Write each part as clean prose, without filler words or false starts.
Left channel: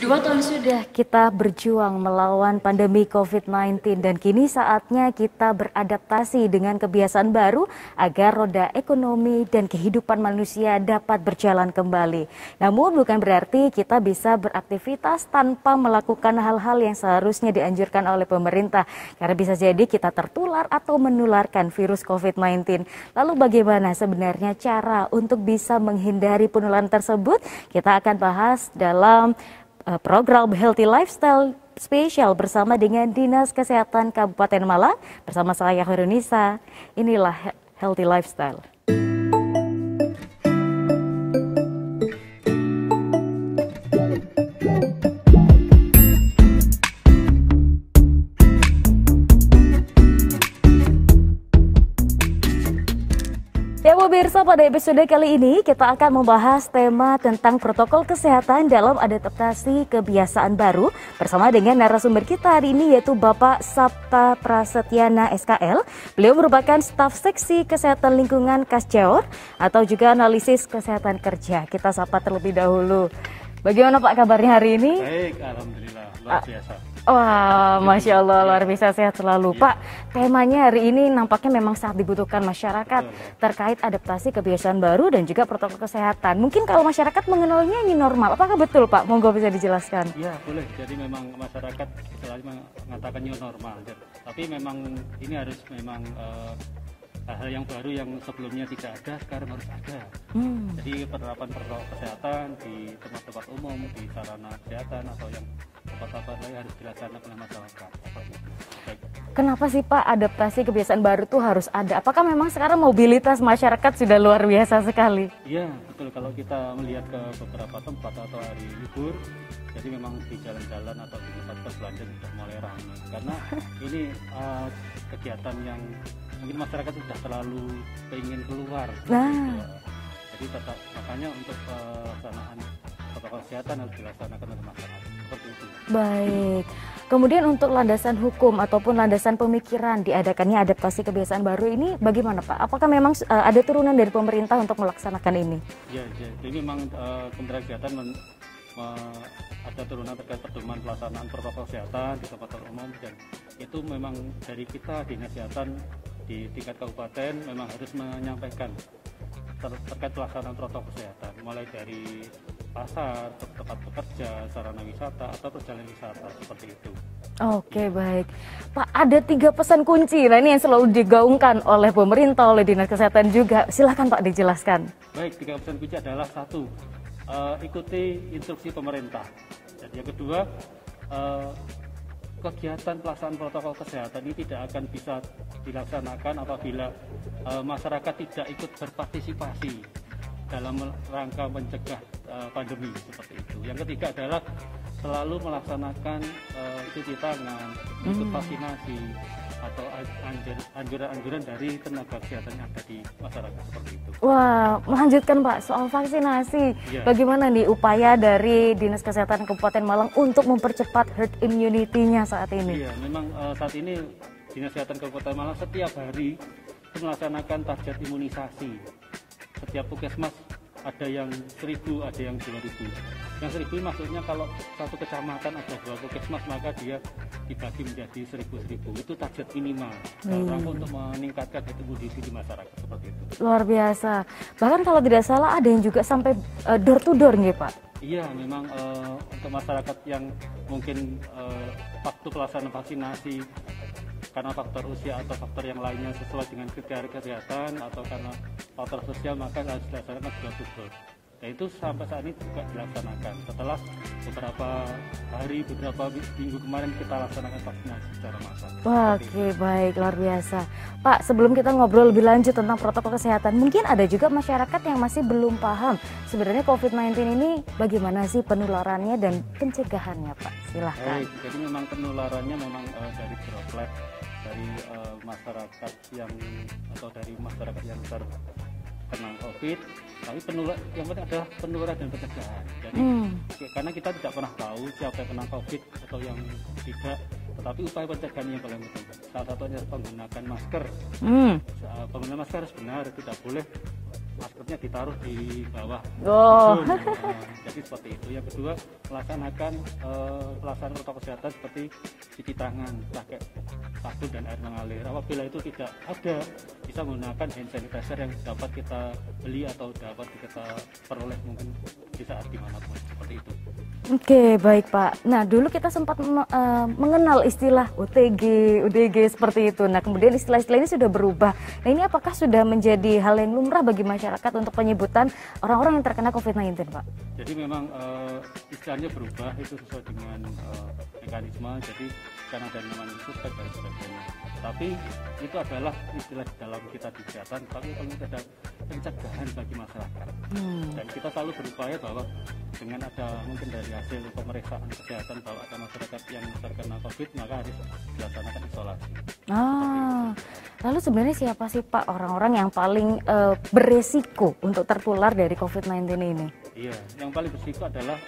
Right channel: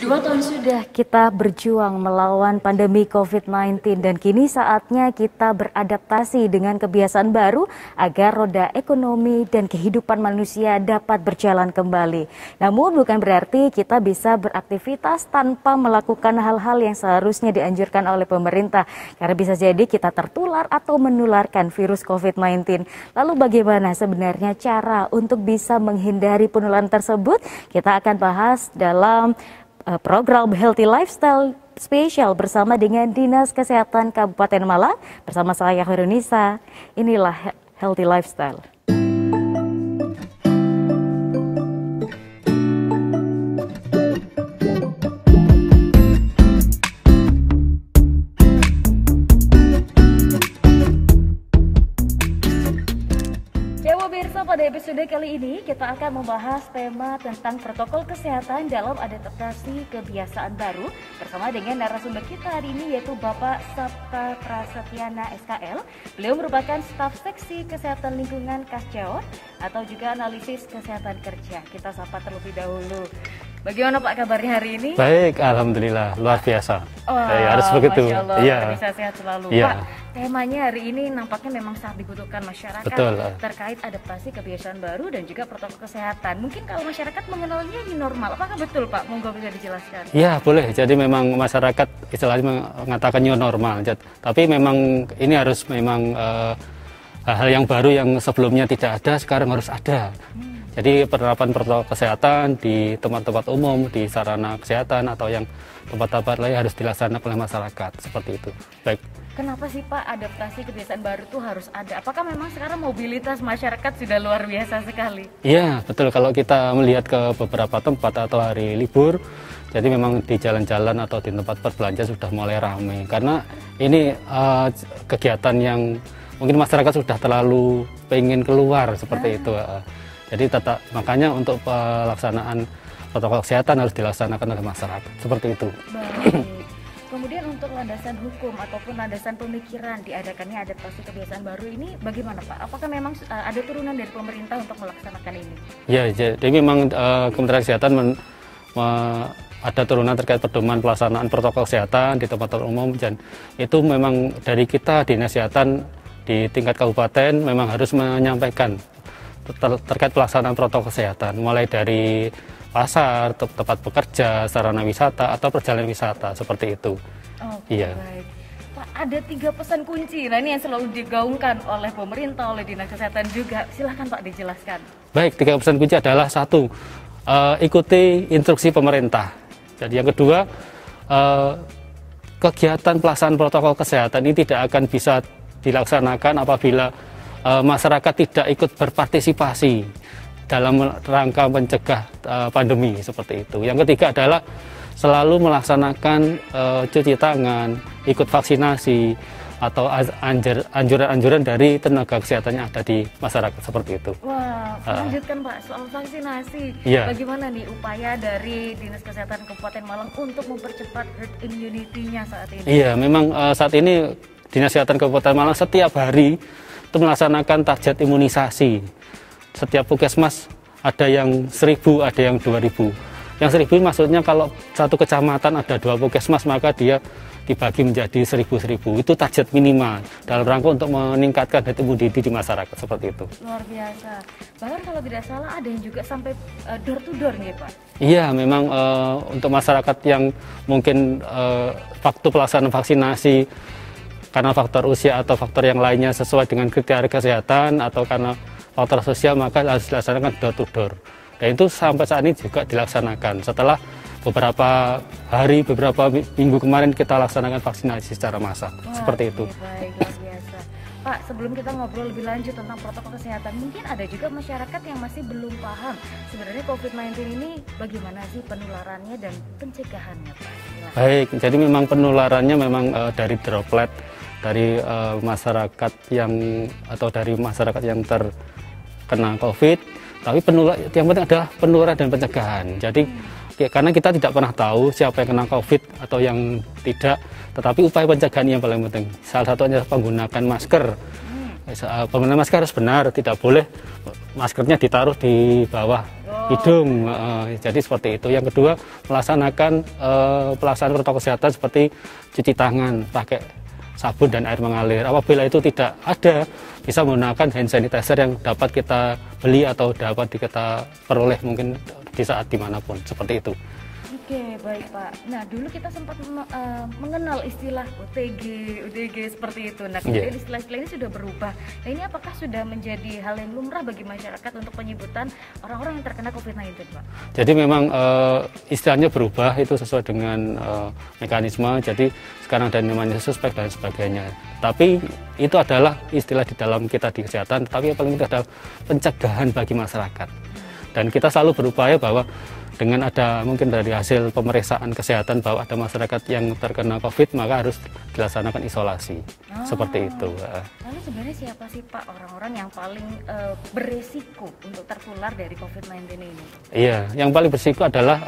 2 tahun sudah kita berjuang melawan pandemi COVID-19 dan kini saatnya kita beradaptasi dengan kebiasaan baru agar roda ekonomi dan kehidupan manusia dapat berjalan kembali. Namun bukan berarti kita bisa beraktivitas tanpa melakukan hal-hal yang seharusnya dianjurkan oleh pemerintah. Karena bisa jadi kita tertular atau menularkan virus COVID-19. Lalu bagaimana sebenarnya cara untuk bisa menghindari penularan tersebut? Kita akan bahas dalam program Healthy Lifestyle spesial bersama dengan Dinas Kesehatan Kabupaten Malang bersama saya Khairunnisa. Inilah Healthy Lifestyle. Pemirsa, pada episode kali ini kita akan membahas tema tentang protokol kesehatan dalam adaptasi kebiasaan baru bersama dengan narasumber kita hari ini yaitu Bapak Sapta Prasetyana SKL. Beliau merupakan staf seksi kesehatan lingkungan Kasjaor atau juga analisis kesehatan kerja. Kita sapa terlebih dahulu. Bagaimana Pak kabarnya hari ini? Baik, alhamdulillah, luar biasa. Wah, Masya Allah, ya. Luar biasa sehat selalu. Ya. Pak, temanya hari ini nampaknya memang sangat dibutuhkan masyarakat. Betul. Terkait adaptasi kebiasaan baru dan juga protokol kesehatan. Mungkin kalau masyarakat mengenalnya new normal, apakah betul Pak? Monggo bisa dijelaskan. Ya, boleh. Jadi memang masyarakat istilahnya mengatakan new normal. Tapi memang ini harus memang hal yang baru yang sebelumnya tidak ada, sekarang harus ada. Jadi penerapan protokol kesehatan di tempat-tempat umum, di sarana kesehatan atau yang tempat-tempat lain harus dilaksanakan oleh masyarakat, seperti itu. Baik. Kenapa sih Pak adaptasi kebiasaan baru itu harus ada? Apakah memang sekarang mobilitas masyarakat sudah luar biasa sekali? Iya, betul. Kalau kita melihat ke beberapa tempat atau hari libur, jadi memang di jalan-jalan atau di tempat berbelanja sudah mulai ramai. Karena ini kegiatan yang mungkin masyarakat sudah terlalu pengen keluar seperti itu. Jadi makanya untuk pelaksanaan protokol kesehatan harus dilaksanakan oleh masyarakat seperti itu. Baik. Kemudian untuk landasan hukum ataupun landasan pemikiran diadakannya adaptasi kebiasaan baru ini bagaimana Pak? Apakah memang ada turunan dari pemerintah untuk melaksanakan ini? Ya, jadi memang Kementerian Kesehatan ada turunan terkait pedoman pelaksanaan protokol kesehatan di tempat umum, dan itu memang dari kita Dinas Kesehatan di tingkat kabupaten memang harus menyampaikan terkait pelaksanaan protokol kesehatan, mulai dari pasar, tempat bekerja, sarana wisata, atau perjalanan wisata, seperti itu. Oke, baik. Pak, ada 3 pesan kunci, nah ini yang selalu digaungkan oleh pemerintah, oleh Dinas Kesehatan juga. Silahkan Pak dijelaskan. Baik, 3 pesan kunci adalah 1, ikuti instruksi pemerintah. Jadi yang kedua, kegiatan pelaksanaan protokol kesehatan ini tidak akan bisa dilaksanakan apabila masyarakat tidak ikut berpartisipasi dalam rangka mencegah pandemi seperti itu. Yang ketiga adalah selalu melaksanakan cuci tangan, ikut vaksinasi atau anjuran-anjuran dari tenaga kesehatan yang ada di masyarakat seperti itu. Wah, melanjutkan Pak soal vaksinasi. Iya. Bagaimana nih upaya dari Dinas Kesehatan Kabupaten Malang untuk mempercepat herd immunity-nya saat ini? Iya, memang saat ini Dinas Kesehatan Kabupaten Malang setiap hari itu melaksanakan target imunisasi. Setiap puskesmas ada yang 1.000, ada yang 2.000. Yang 1.000 maksudnya kalau satu kecamatan ada 2 puskesmas, maka dia dibagi menjadi 1.000. Itu target minimal dalam rangka untuk meningkatkan herd immunity di masyarakat, seperti itu. Luar biasa. Bahkan kalau tidak salah ada yang juga sampai door to door nih Pak. Iya, memang untuk masyarakat yang mungkin waktu pelaksanaan vaksinasi karena faktor usia atau faktor yang lainnya sesuai dengan kriteria kesehatan atau karena faktor sosial, maka harus dilaksanakan door to door. Dan itu sampai saat ini juga dilaksanakan. Setelah beberapa hari, beberapa minggu kemarin kita laksanakan vaksinasi secara massal. Seperti itu. Baik, luar biasa. Pak, sebelum kita ngobrol lebih lanjut tentang protokol kesehatan, mungkin ada juga masyarakat yang masih belum paham sebenarnya COVID-19 ini bagaimana sih penularannya dan pencegahannya Pak. Silahkan. Baik, jadi memang penularannya memang dari droplet dari masyarakat yang terkena COVID, tapi yang penting adalah penularan dan pencegahan. Jadi karena kita tidak pernah tahu siapa yang kena COVID atau yang tidak, tetapi upaya pencegahan yang paling penting. Salah satunya menggunakan masker. Penggunaan masker harus benar, tidak boleh maskernya ditaruh di bawah hidung. Jadi seperti itu. Yang kedua, melaksanakan pelaksanaan protokol kesehatan seperti cuci tangan pakai sabun dan air mengalir. Apabila itu tidak ada, bisa menggunakan hand sanitizer yang dapat kita beli atau dapat kita peroleh mungkin di saat dimanapun, seperti itu. Oke, baik Pak. Nah, dulu kita sempat mengenal istilah OTG, UDG seperti itu. Nah, kemudian istilah-istilah ini sudah berubah. Nah, ini apakah sudah menjadi hal yang lumrah bagi masyarakat untuk penyebutan orang-orang yang terkena COVID-19, Pak? Jadi memang istilahnya berubah, itu sesuai dengan mekanisme. Jadi sekarang ada namanya suspek dan sebagainya. Tapi itu adalah istilah di dalam kita di kesehatan, tapi yang paling penting adalah pencegahan bagi masyarakat. Dan kita selalu berupaya bahwa dengan ada mungkin dari hasil pemeriksaan kesehatan bahwa ada masyarakat yang terkena COVID, maka harus dilaksanakan isolasi. Seperti itu. Lalu sebenarnya siapa sih Pak orang-orang yang paling beresiko untuk tertular dari COVID-19 ini? Iya, yang paling beresiko adalah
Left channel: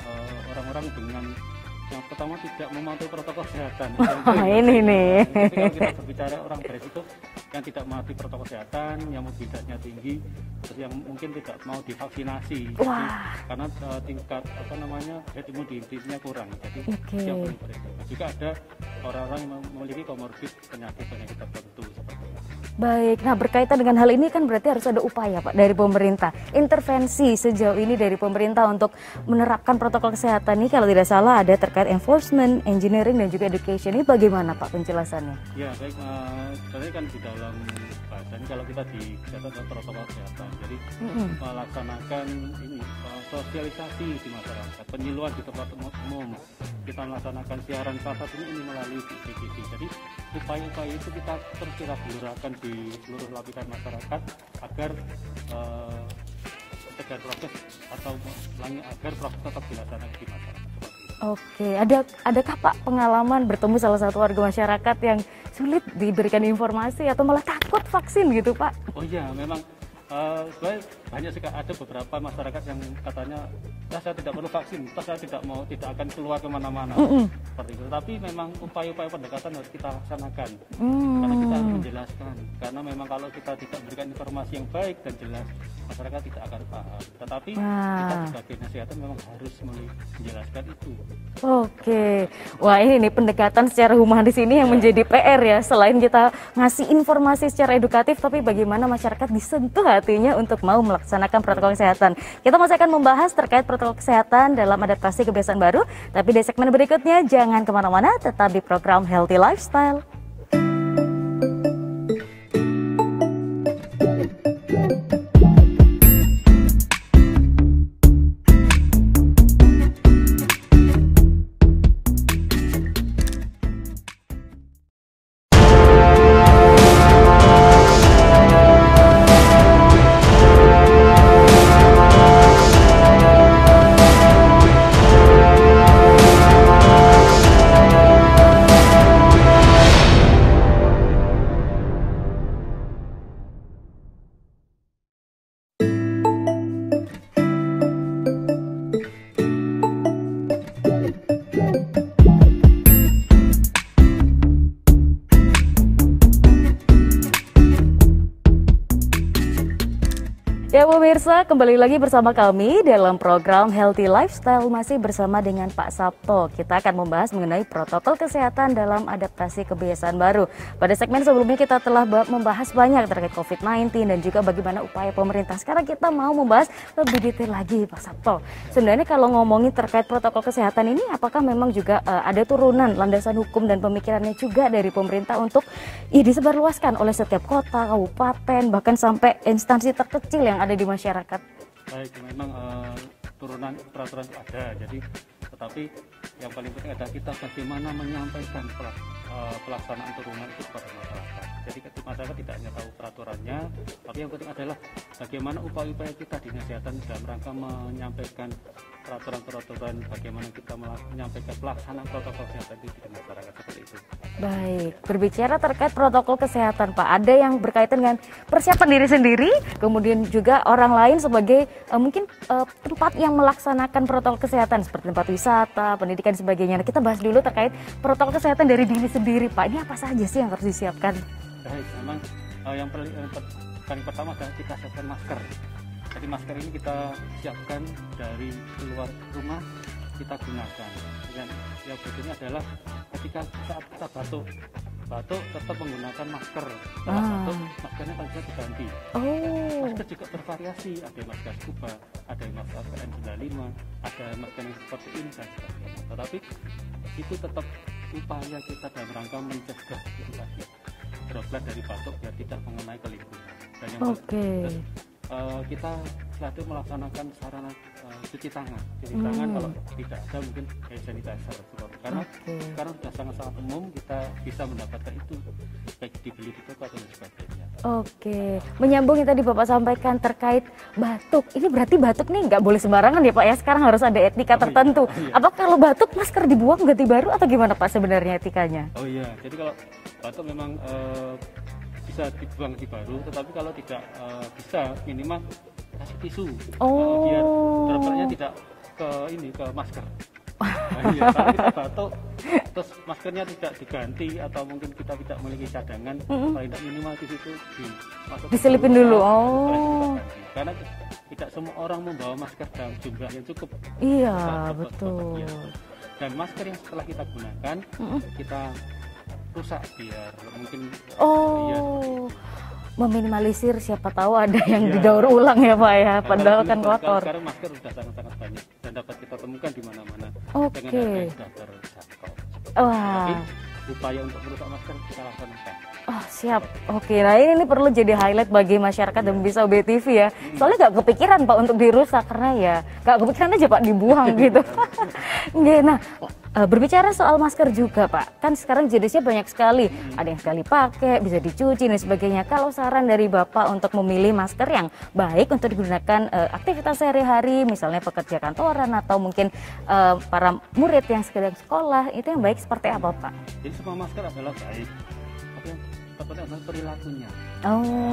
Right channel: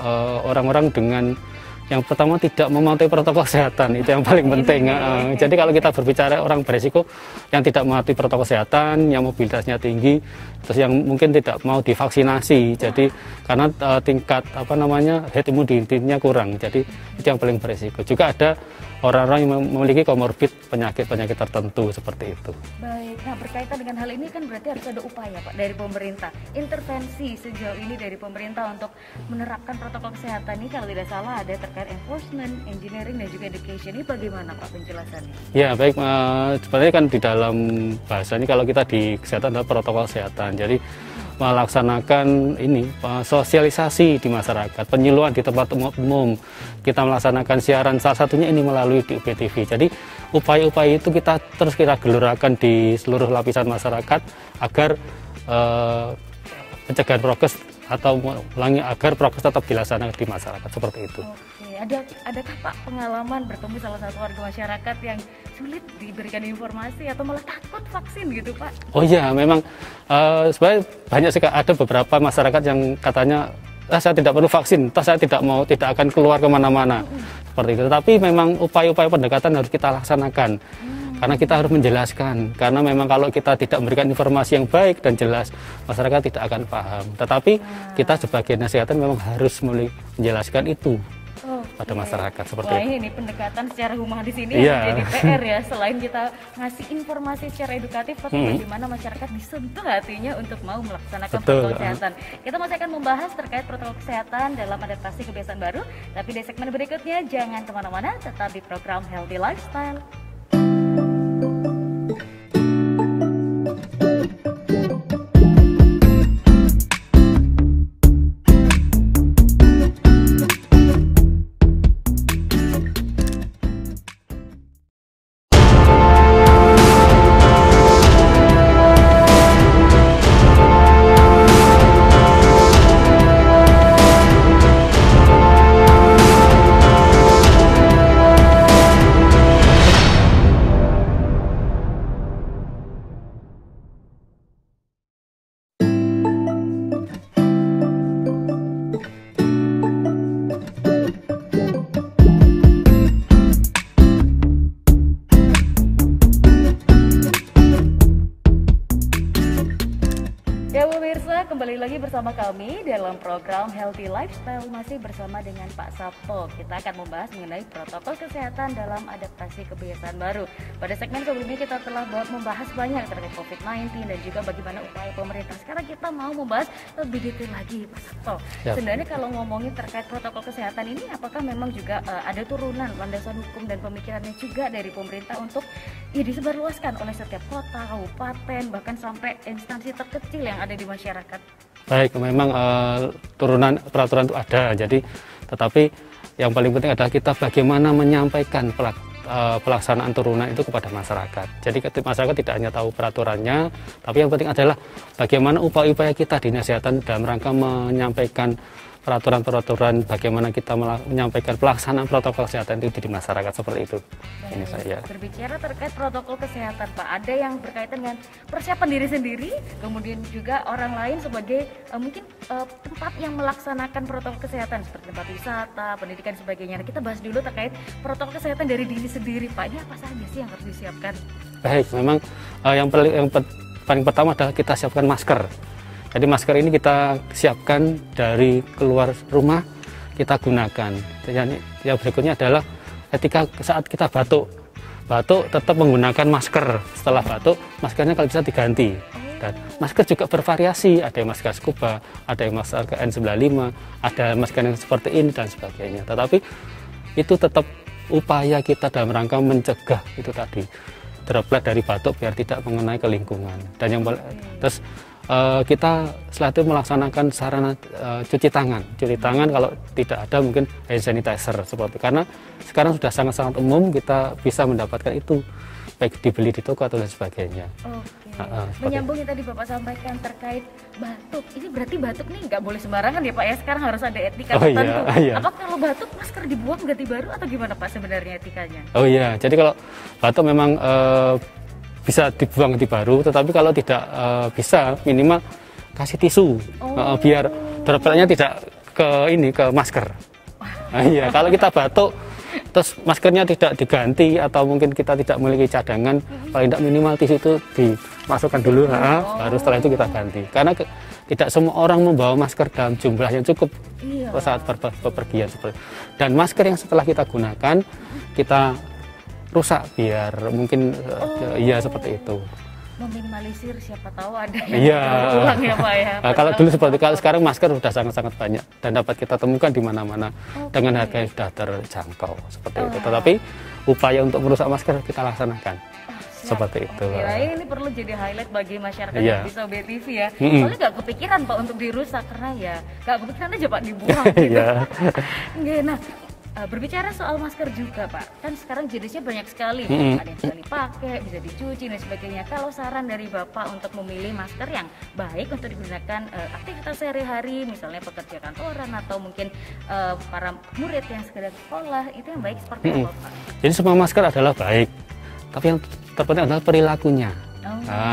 orang-orang dengan yang pertama tidak mematuhi protokol kesehatan, itu yang paling penting. Jadi kalau kita berbicara orang beresiko yang tidak mematuhi protokol kesehatan, yang mobilitasnya tinggi, terus yang mungkin tidak mau divaksinasi, jadi karena tingkat herd immunity-nya kurang, jadi itu yang paling beresiko. Juga ada orang-orang yang memiliki komorbid penyakit-penyakit tertentu seperti itu. Baik, nah berkaitan dengan hal ini kan berarti harus ada upaya Pak dari pemerintah. Intervensi sejauh ini dari pemerintah untuk menerapkan protokol kesehatan ini kalau tidak salah ada terkait enforcement, engineering dan juga education. Ini bagaimana Pak penjelasannya? Ya baik, sebenarnya kan di dalam bahasanya kalau kita di kesehatan adalah protokol kesehatan. Jadi melaksanakan ini sosialisasi di masyarakat, penyuluhan di tempat umum. Kita melaksanakan siaran salah satunya ini melalui di UPTV. Jadi upaya-upaya itu kita terus gelurakan di seluruh lapisan masyarakat agar pencegahan prokes atau agar prokes tetap dilaksanakan di masyarakat seperti itu. Oke, adakah Pak pengalaman bertemu salah satu warga masyarakat yang sulit diberikan informasi atau malah takut vaksin gitu Pak? Oh iya, memang sebenarnya banyak sekali, ada beberapa masyarakat yang katanya saya tidak perlu vaksin, saya tidak akan keluar kemana-mana seperti itu. Tapi memang upaya-upaya pendekatan harus kita laksanakan, karena kita harus menjelaskan. Karena memang kalau kita tidak memberikan informasi yang baik dan jelas, masyarakat tidak akan paham. Tetapi kita sebagai kesehatan memang harus menjelaskan itu. Pada masyarakat seperti Wah ini pendekatan secara humanis ini yang menjadi PR ya. Selain kita ngasih informasi secara edukatif, tapi bagaimana masyarakat disentuh hatinya untuk mau melaksanakan protokol kesehatan. Kita masih akan membahas terkait protokol kesehatan dalam adaptasi kebiasaan baru. Tapi di segmen berikutnya jangan kemana-mana, tetap di program Healthy Lifestyle. Ya pemirsa, kembali lagi bersama kami dalam program Healthy Lifestyle, masih bersama dengan Pak Sabto. Kita akan membahas mengenai protokol kesehatan dalam adaptasi kebiasaan baru. Pada segmen sebelumnya kita telah membahas banyak terkait COVID-19 dan juga bagaimana upaya pemerintah. Sekarang kita mau membahas lebih detail lagi Pak Sabto. Sebenarnya kalau ngomongin terkait protokol kesehatan ini, apakah memang juga ada turunan landasan hukum dan pemikirannya juga dari pemerintah untuk disebarluaskan oleh setiap kota, kabupaten, bahkan sampai instansi terkecil yang ada di masyarakat? Baik, memang turunan peraturan itu ada. Jadi, tetapi yang paling penting adalah kita bagaimana menyampaikan pelaksanaan turunan itu kepada masyarakat. Jadi masyarakat tidak hanya tahu peraturannya, tapi yang penting adalah bagaimana upaya-upaya kita di kesehatan dalam rangka menyampaikan peraturan-peraturan, bagaimana kita menyampaikan pelaksanaan protokol kesehatan itu di masyarakat seperti itu. Baik, berbicara terkait protokol kesehatan Pak, ada yang berkaitan dengan persiapan diri sendiri, kemudian juga orang lain sebagai mungkin tempat yang melaksanakan protokol kesehatan seperti tempat wisata, pendidikan sebagainya. Nah, kita bahas dulu terkait protokol kesehatan dari diri sendiri Pak. Ini apa saja sih yang harus disiapkan? Baik, memang yang paling pertama adalah kita siapkan masker. Jadi masker ini kita siapkan dari keluar rumah, kita gunakan. Yang berikutnya adalah ketika saat kita batuk tetap menggunakan masker. Setelah batuk, maskernya kalau bisa diganti. Dan masker juga bervariasi, ada yang masker scuba, ada yang masker N95, ada masker yang seperti ini dan sebagainya. Tetapi itu tetap upaya kita dalam rangka mencegah itu tadi, droplet dari batuk biar tidak mengenai ke lingkungan. Dan yang terus kita setelah itu melaksanakan sarana cuci tangan. Cuci tangan kalau tidak ada mungkin hand sanitizer seperti, karena sekarang sudah sangat-sangat umum kita bisa mendapatkan itu, baik dibeli di toko atau dan sebagainya. Menyambung yang tadi Bapak sampaikan terkait batuk, ini berarti batuk nih nggak boleh sembarangan ya Pak ya, sekarang harus ada etika tertentu. Iya. Apa kalau batuk masker dibuang ganti baru atau gimana Pak sebenarnya etikanya? Oh iya, jadi kalau batuk memang bisa dibuang ganti baru, tetapi kalau tidak bisa minimal kasih tisu biar dropletnya tidak ke masker. Iya, kalau kita batuk terus maskernya tidak diganti atau mungkin kita tidak memiliki cadangan, paling tidak minimal tisu itu dimasukkan dulu, baru setelah itu kita ganti. Karena tidak semua orang membawa masker dalam jumlah yang cukup saat bepergian. Dan masker yang setelah kita gunakan kita rusak biar mungkin seperti itu. Meminimalisir siapa tahu ada yang didaur ulang ya Pak ya. Kalau dulu seperti kalau sekarang masker sudah sangat-sangat banyak dan dapat kita temukan di mana-mana dengan harga yang sudah terjangkau seperti itu. Tetapi upaya untuk merusak masker kita laksanakan. Seperti itu. Nah ini perlu jadi highlight bagi masyarakat yang bisa BTV ya. Soalnya nggak kepikiran Pak untuk dirusak karena ya nggak kepikiran aja Pak dibuang gitu. Nah, berbicara soal masker juga Pak, kan sekarang jenisnya banyak sekali, ada yang sekali pakai, bisa dicuci dan sebagainya. Kalau saran dari Bapak untuk memilih masker yang baik untuk digunakan aktivitas sehari-hari, misalnya pekerja kantoran atau mungkin para murid yang sedang sekolah, itu yang baik seperti apa Pak? Jadi semua masker adalah baik, tapi yang terpenting adalah perilakunya.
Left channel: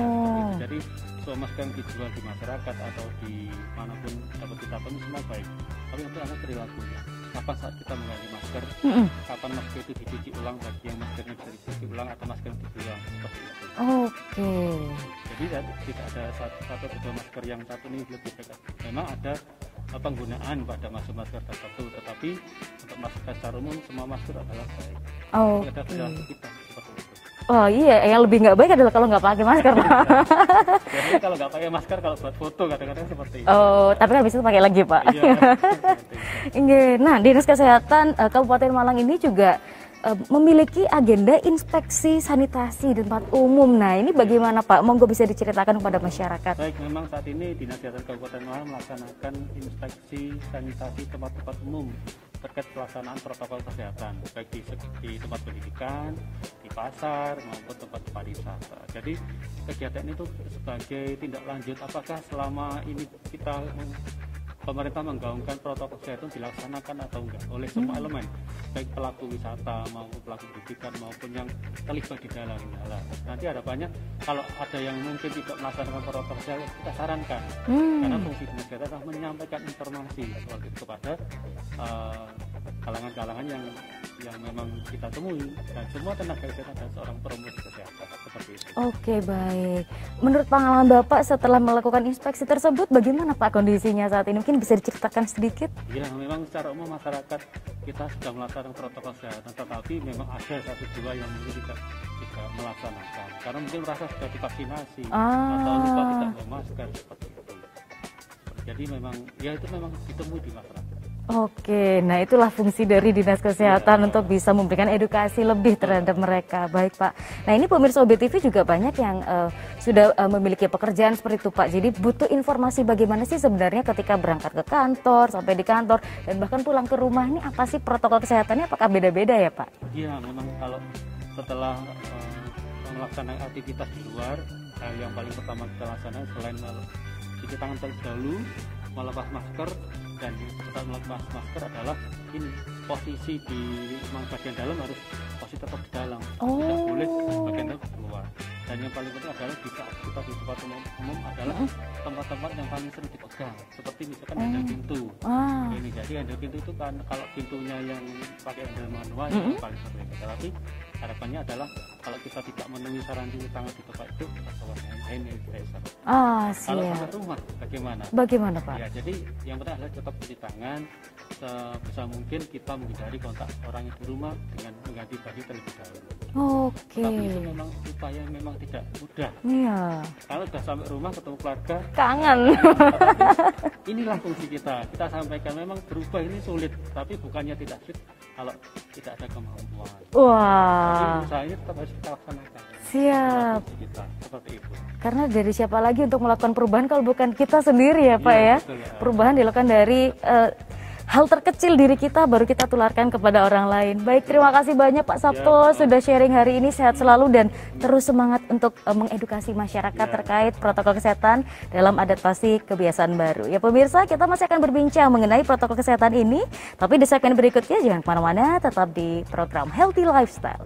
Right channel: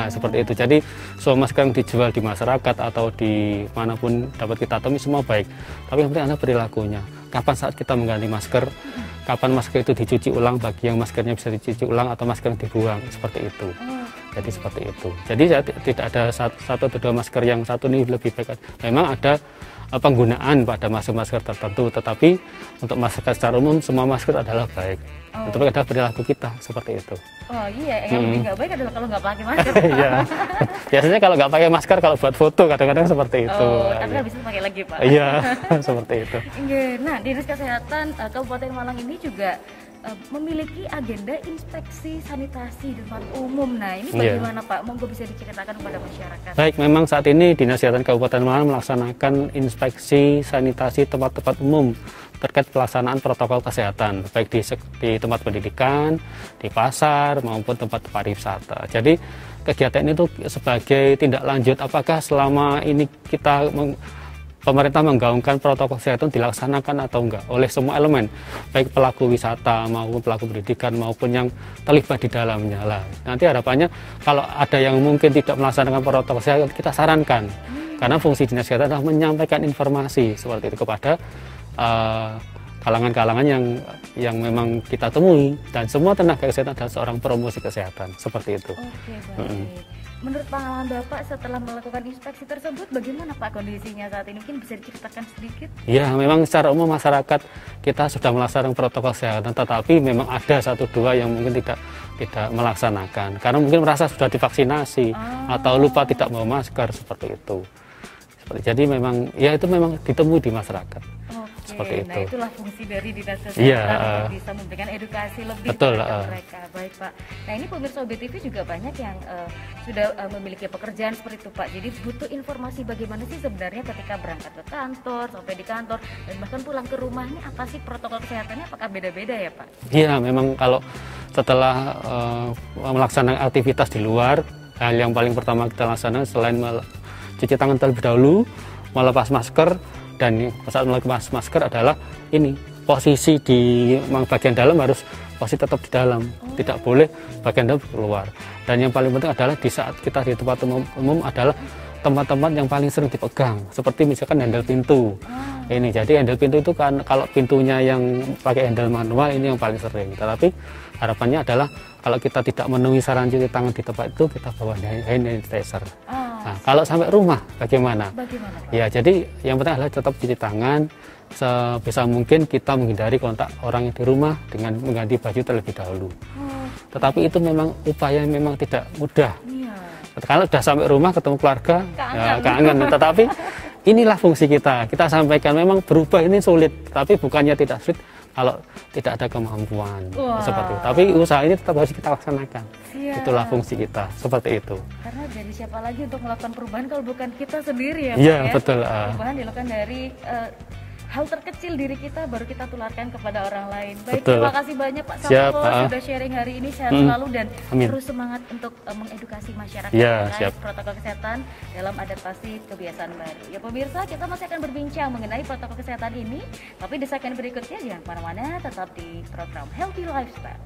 Seperti itu. Jadi semua masker yang dijual di masyarakat atau di manapun dapat kita temui semua baik, tapi yang penting adalah perilakunya. Kapan saat kita mengganti masker, kapan masker itu dicuci ulang bagi yang maskernya bisa dicuci ulang atau masker yang dibuang, seperti itu. Jadi seperti itu. Jadi tidak ada satu atau dua masker yang satu ini lebih baik. Memang ada penggunaan pada masker tertentu, tetapi untuk masker secara umum semua masker adalah baik. Tapi ada perilaku kita seperti itu. Yang lebih nggak baik adalah kalau nggak pakai masker. Biasanya kalau nggak pakai masker kalau buat foto kadang-kadang seperti itu. Tapi habis itu pakai lagi Pak. Iya, seperti itu. Nah, Dinas Kesehatan Kabupaten Malang ini juga memiliki agenda inspeksi sanitasi di tempat umum. Nah, ini bagaimana Pak? Monggo bisa diceritakan kepada masyarakat. Baik, memang saat ini Dinas Kesehatan Kabupaten Malang melaksanakan inspeksi sanitasi tempat-tempat umum terkait pelaksanaan protokol kesehatan, baik di tempat pendidikan, di pasar, maupun tempat pariwisata. Jadi kegiatan itu sebagai tindak lanjut apakah selama ini pemerintah menggaungkan protokol kesehatan dilaksanakan atau enggak oleh semua elemen, baik pelaku wisata maupun pelaku pendidikan maupun yang terlibat di dalamnya lah. Nanti harapannya kalau ada yang mungkin tidak melaksanakan protokol kesehatan, kita sarankan, karena fungsi Dinas Kesehatan adalah menyampaikan informasi seperti itu kepada kalangan-kalangan yang memang kita temui, dan semua tenaga kesehatan adalah seorang promosi kesehatan seperti itu. Baik. Menurut pengalaman Bapak setelah melakukan inspeksi tersebut, bagaimana Pak kondisinya saat ini? Mungkin bisa diceritakan sedikit? Ya, memang secara umum masyarakat kita sudah melaksanakan protokol kesehatan, tetapi memang ada satu dua yang mungkin tidak melaksanakan karena mungkin merasa sudah divaksinasi atau lupa tidak bawa masker seperti itu. Jadi memang itu memang ditemui di masyarakat. Nah itulah fungsi dari Dinas Kesehatan untuk bisa memberikan edukasi lebih terhadap mereka. Baik Pak. Nah ini pemirsa BTV juga banyak yang sudah memiliki pekerjaan seperti itu Pak. Jadi butuh informasi bagaimana sih sebenarnya ketika berangkat ke kantor, sampai di kantor, dan bahkan pulang ke rumah, ini apa sih protokol kesehatannya, apakah beda-beda ya Pak? Iya, memang kalau setelah melaksanakan aktivitas di luar, hal yang paling pertama kita laksanakan selain cuci tangan terlebih dahulu, melepas masker, dan saat melepas masker adalah ini posisi di bagian dalam harus posisi tetap di dalam, tidak boleh bagian dalam keluar. Dan yang paling penting adalah di saat kita di tempat umum adalah tempat-tempat yang paling sering dipegang, seperti misalkan handle pintu. Ini jadi handle pintu itu kan kalau pintunya yang pakai handle manual ini yang paling sering. Tetapi harapannya adalah kalau kita tidak memenuhi saran cuci tangan di tempat itu, kita bawa hand sanitizer. Nah, siap. kalau sampai rumah bagaimana? Bagaimana, Pak? Ya, jadi yang penting adalah tetap cuci tangan. Sebisa mungkin kita menghindari kontak orang yang di rumah dengan mengganti baju terlebih dahulu. Tetapi itu memang upaya yang memang tidak mudah. Iya. Kalau sudah sampai rumah ketemu keluarga, Kangen. ya, kangen. Tetapi inilah fungsi kita. Kita sampaikan memang berubah ini sulit, tapi bukannya tidak sulit kalau tidak ada kemampuan. Seperti itu. Tapi usaha ini tetap harus kita laksanakan. Siap. Itulah fungsi kita, seperti itu. Karena dari siapa lagi untuk melakukan perubahan kalau bukan kita sendiri ya Pak Iya, ya? betul. Perubahan dilakukan dari hal terkecil diri kita baru kita tularkan kepada orang lain. Baik, Betul. terima kasih banyak Pak Sabto Siap, sudah sharing hari ini. Sehat selalu dan Amin. terus semangat untuk mengedukasi masyarakat Ya, terkait siap. protokol kesehatan dalam adaptasi kebiasaan baru. Ya pemirsa, kita masih akan berbincang mengenai protokol kesehatan ini. Tapi di segmen berikutnya jangan kemana-mana, tetap di program Healthy Lifestyle.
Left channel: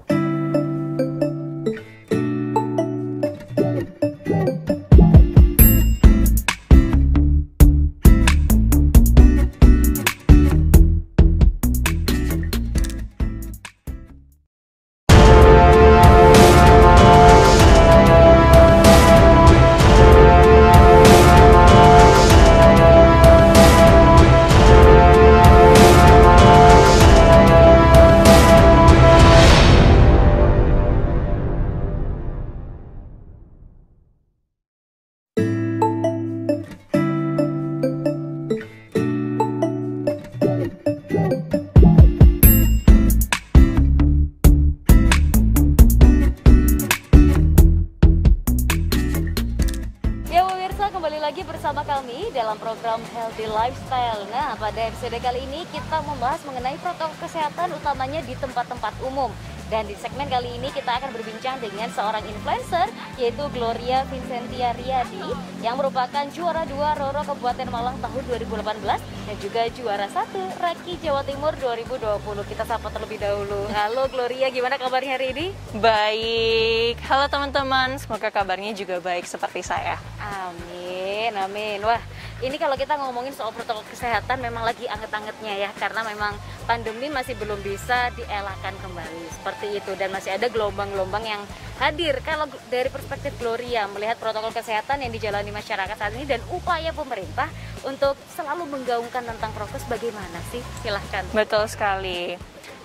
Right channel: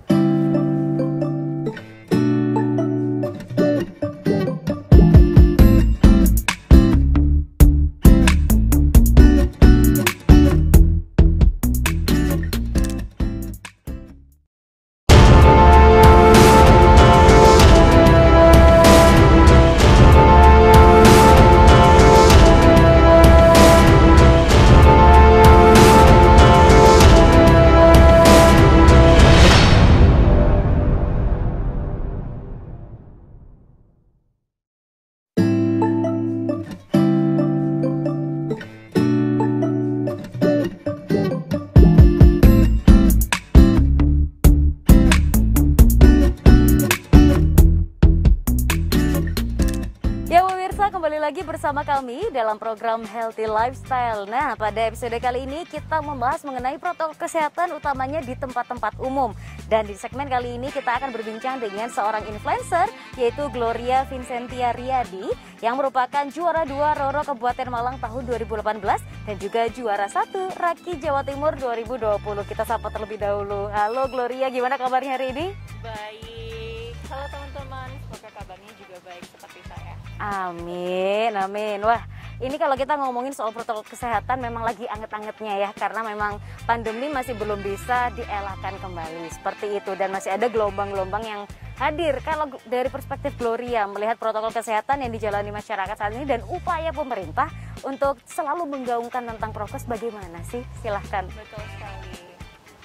Bersama kami dalam program Healthy Lifestyle. Nah, pada episode kali ini kita membahas mengenai protokol kesehatan utamanya di tempat-tempat umum. Dan di segmen kali ini kita akan berbincang dengan seorang influencer yaitu Gloria Vincentia Riyadi yang merupakan juara 2 Roro Kabupaten Malang tahun 2018 dan juga juara 1 Raki Jawa Timur 2020. Kita sapa terlebih dahulu. Halo Gloria, gimana kabarnya hari ini? Baik, halo teman-teman, semoga kabarnya juga baik seperti saya. Amin, amin. Wah, ini kalau kita ngomongin soal protokol kesehatan memang lagi anget-angetnya ya, karena memang pandemi masih belum bisa dielakkan kembali seperti itu dan masih ada gelombang-gelombang yang hadir. Kalau dari perspektif Gloria melihat protokol kesehatan yang dijalani masyarakat saat ini dan upaya pemerintah untuk selalu menggaungkan tentang prokes bagaimana sih? Silahkan. Betul sekali.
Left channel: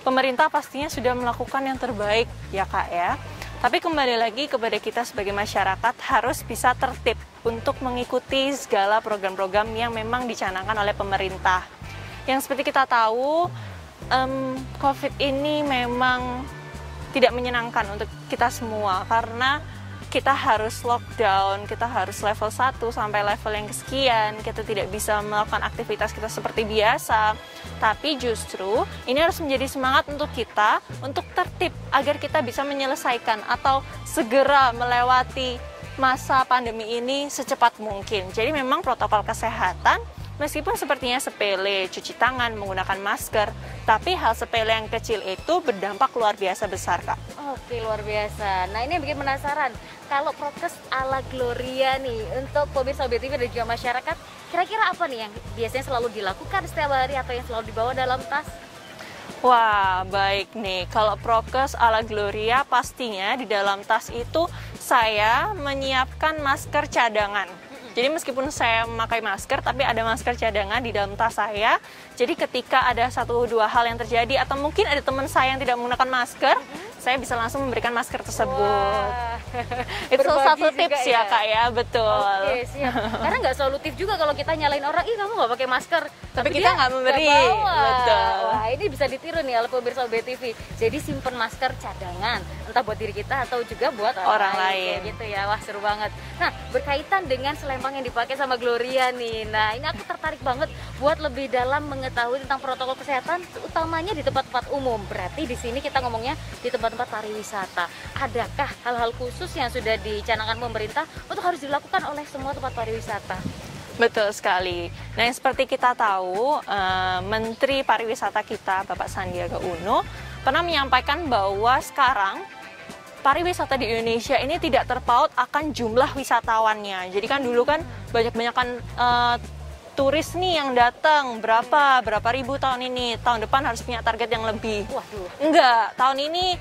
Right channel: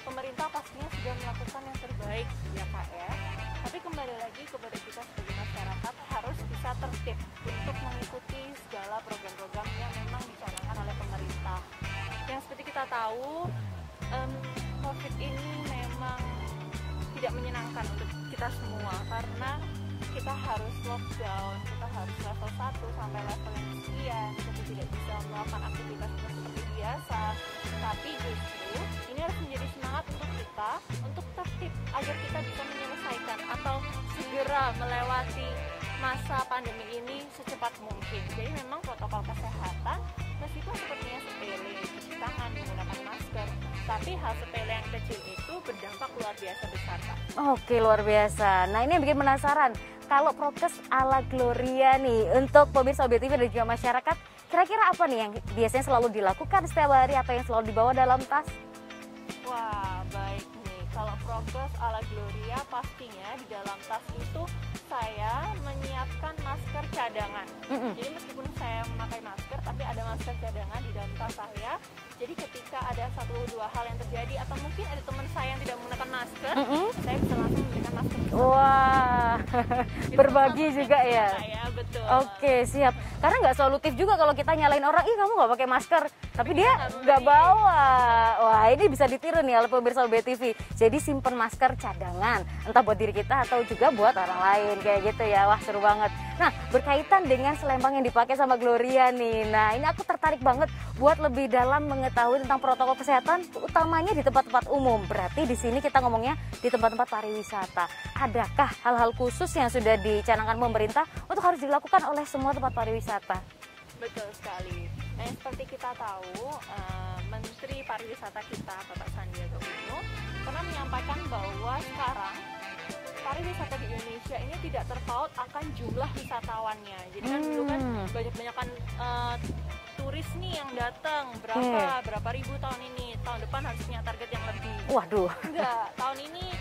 Pemerintah pastinya sudah melakukan yang terbaik ya Kak ya. Tapi kembali lagi kepada kita sebagai masyarakat harus bisa tertib untuk mengikuti segala program-program yang memang dicanangkan oleh pemerintah. Yang seperti kita tahu, COVID ini memang tidak menyenangkan untuk kita semua karena kita harus lockdown, kita harus level 1 sampai level yang sekian, kita tidak bisa melakukan aktivitas kita seperti biasa. Tapi justru ini harus menjadi semangat untuk kita untuk tertib agar kita bisa menyelesaikan atau segera melewati masa pandemi ini secepat mungkin. Jadi memang protokol kesehatan meskipun sepertinya sepele, cuci tangan, menggunakan masker, tapi hal sepele yang kecil itu berdampak luar biasa besar, Kak. Oke, luar biasa. Nah, ini yang bikin penasaran. Kalau prokes ala Gloria nih, untuk pemirsa BTV dan juga masyarakat, kira-kira apa nih yang biasanya selalu dilakukan setiap hari atau yang selalu dibawa dalam tas? Wah, baik nih. Kalau prokes ala Gloria pastinya di dalam tas itu saya menyiapkan masker cadangan. Jadi meskipun saya memakai masker, tapi ada masker cadangan di dalam tas saya. Jadi ketika ada 1-2 hal yang terjadi atau mungkin ada teman saya yang tidak menggunakan masker, saya bisa langsung memberikan masker tersebut. Wah. Itu salah satu Berbagi tips juga ya Kak ya, betul. Oke, siap. Karena nggak solutif juga kalau kita nyalain orang, ih kamu nggak pakai masker. Tapi kita nggak memberi. Bawa. Betul. Wah, ini bisa ditiru nih oleh pemirsa BTV. Jadi simpen masker cadangan, entah buat diri kita atau juga buat orang lain. Kayak gitu ya, wah seru banget. Nah, berkaitan dengan selempang yang dipakai sama Gloria nih. Nah, ini aku tertarik banget buat lebih dalam mengetahui tentang protokol kesehatan, utamanya di tempat-tempat umum. Berarti di sini kita ngomongnya di tempat-tempat pariwisata. Adakah hal-hal khusus yang sudah dicanangkan pemerintah untuk harus dilakukan oleh semua tempat pariwisata? Betul sekali. Nah, yang seperti kita tahu, Menteri Pariwisata kita, Bapak Sandiaga Uno, pernah menyampaikan bahwa sekarang pariwisata di Indonesia ini tidak terpaut akan jumlah wisatawannya. Jadi kan dulu kan banyak-banyakan turis nih yang datang, berapa ribu tahun ini. Tahun depan harus punya target yang lebih. Waduh. Enggak, tahun ini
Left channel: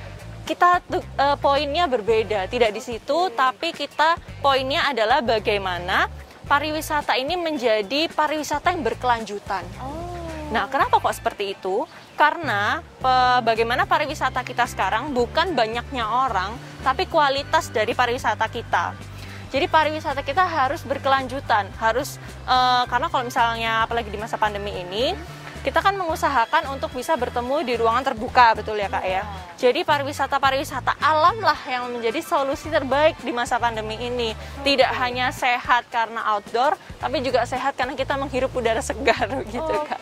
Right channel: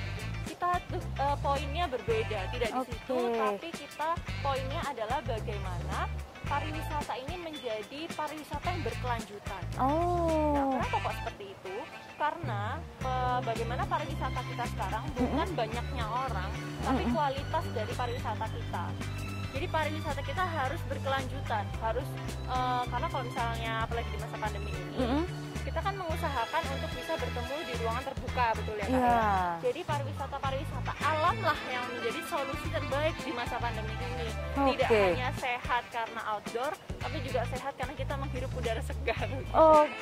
poinnya berbeda, tidak di situ, tapi kita poinnya adalah bagaimana pariwisata ini menjadi pariwisata yang berkelanjutan. Nah, kenapa kok seperti itu? Karena bagaimana pariwisata kita sekarang bukan banyaknya orang, tapi kualitas dari pariwisata kita. Jadi pariwisata kita harus berkelanjutan, karena kalau misalnya apalagi di masa pandemi ini, kita kan mengusahakan untuk bisa bertemu di ruangan terbuka, betul ya Kak ya? Jadi pariwisata alam lah yang menjadi solusi terbaik di masa pandemi ini. Tidak hanya sehat karena outdoor, tapi juga sehat karena kita menghirup udara segar gitu Kak.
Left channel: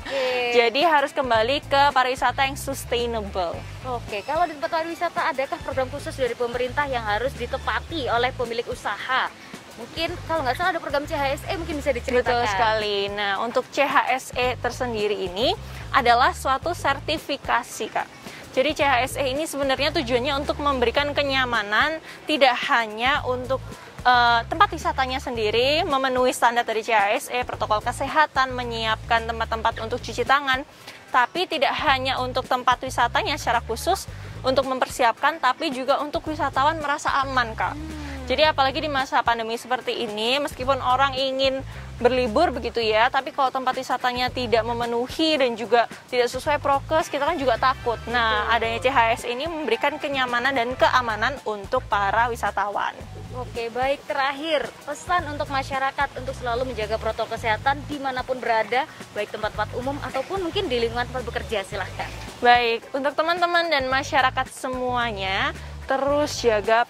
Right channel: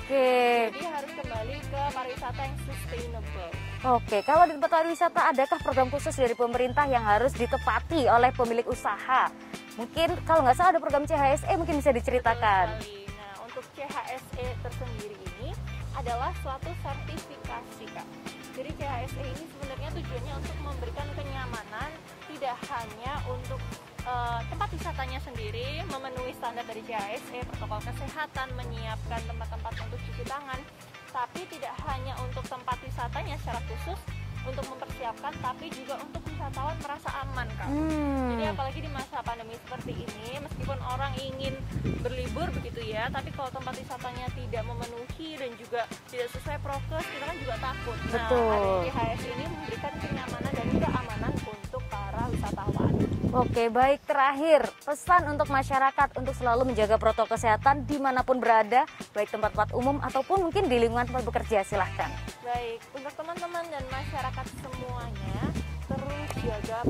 Jadi harus kembali ke pariwisata yang sustainable. Kalau di tempat pariwisata adakah program khusus dari pemerintah yang harus ditepati oleh pemilik usaha? Mungkin kalau nggak salah ada program CHSE, mungkin bisa diceritakan. Betul sekali. Nah, untuk CHSE tersendiri ini adalah suatu sertifikasi, Kak. Jadi CHSE ini sebenarnya tujuannya untuk memberikan kenyamanan, tidak hanya untuk tempat wisatanya sendiri, memenuhi standar dari CHSE, protokol kesehatan, menyiapkan tempat-tempat untuk cuci tangan, tapi tidak hanya untuk tempat wisatanya secara khusus, untuk mempersiapkan, tapi juga untuk wisatawan merasa aman, Kak. Jadi apalagi di masa pandemi seperti ini, meskipun orang ingin berlibur begitu ya, tapi kalau tempat wisatanya tidak memenuhi dan juga tidak sesuai prokes, kita kan juga takut. Nah, adanya CHS ini memberikan kenyamanan dan keamanan untuk para wisatawan. Oke, baik. Terakhir, pesan untuk masyarakat untuk selalu menjaga protokol kesehatan dimanapun berada, baik tempat-tempat umum ataupun mungkin di lingkungan tempat bekerja, silahkan. Baik, untuk teman-teman dan masyarakat semuanya, terus jaga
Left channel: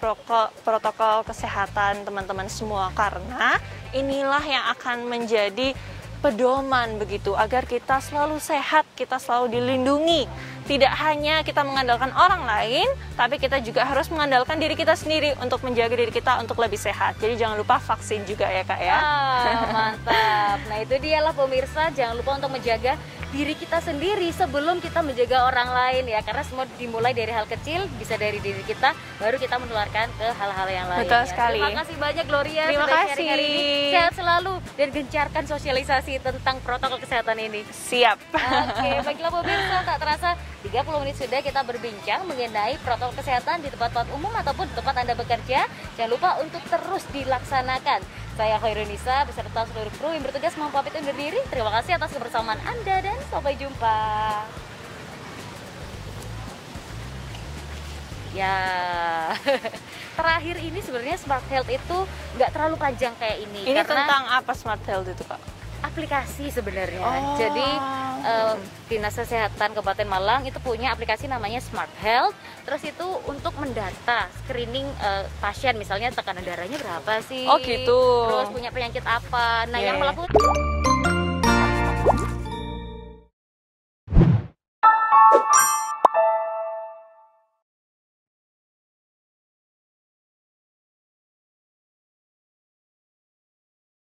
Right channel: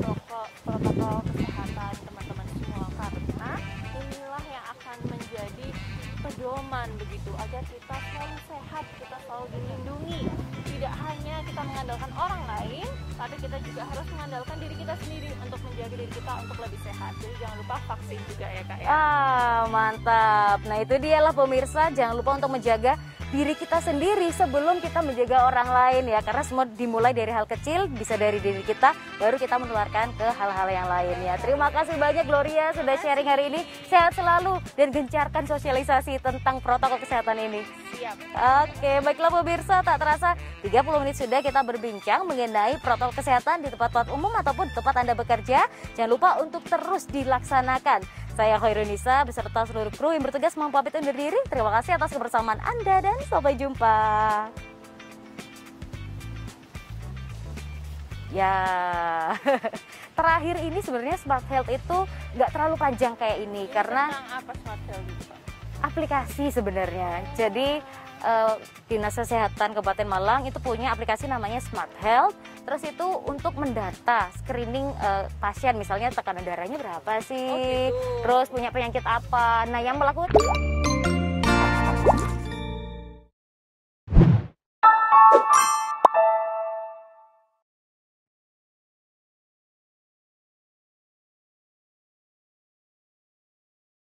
protokol kesehatan teman-teman semua, karena inilah yang akan menjadi pedoman begitu agar kita selalu sehat, kita selalu dilindungi. Tidak hanya kita mengandalkan orang lain, tapi kita juga harus mengandalkan diri kita sendiri untuk menjaga diri kita untuk lebih sehat. Jadi jangan lupa vaksin juga ya Kak ya. Mantap. Nah, itu dialah pemirsa, jangan lupa untuk menjaga diri kita sendiri sebelum kita menjaga orang lain ya, karena semua dimulai dari hal kecil, bisa dari diri kita, baru kita menularkan ke hal-hal yang lain. Betul sekali. Terima kasih banyak Gloria sudah sharing hari ini. Sehat selalu dan gencarkan sosialisasi tentang protokol kesehatan ini. Siap. Oke, baiklah pemirsa, tak terasa 30 menit sudah kita berbincang mengenai protokol kesehatan di tempat-tempat umum ataupun di tempat Anda bekerja. Jangan lupa untuk terus dilaksanakan. Saya Khairunisa beserta seluruh kru yang bertugas mau pamit undur diri. Terima kasih atas kebersamaan Anda dan sampai jumpa. Ya, terakhir ini sebenarnya Smart Health itu nggak terlalu panjang kayak ini. Ini karena tentang apa Smart Health itu Kak? aplikasi sebenarnya. Jadi Dinas Kesehatan Kabupaten Malang itu punya aplikasi namanya Smart Health. Terus itu untuk mendata screening pasien, misalnya tekanan darahnya berapa sih? Oh gitu. Terus punya penyakit apa? Nah, yang melakukan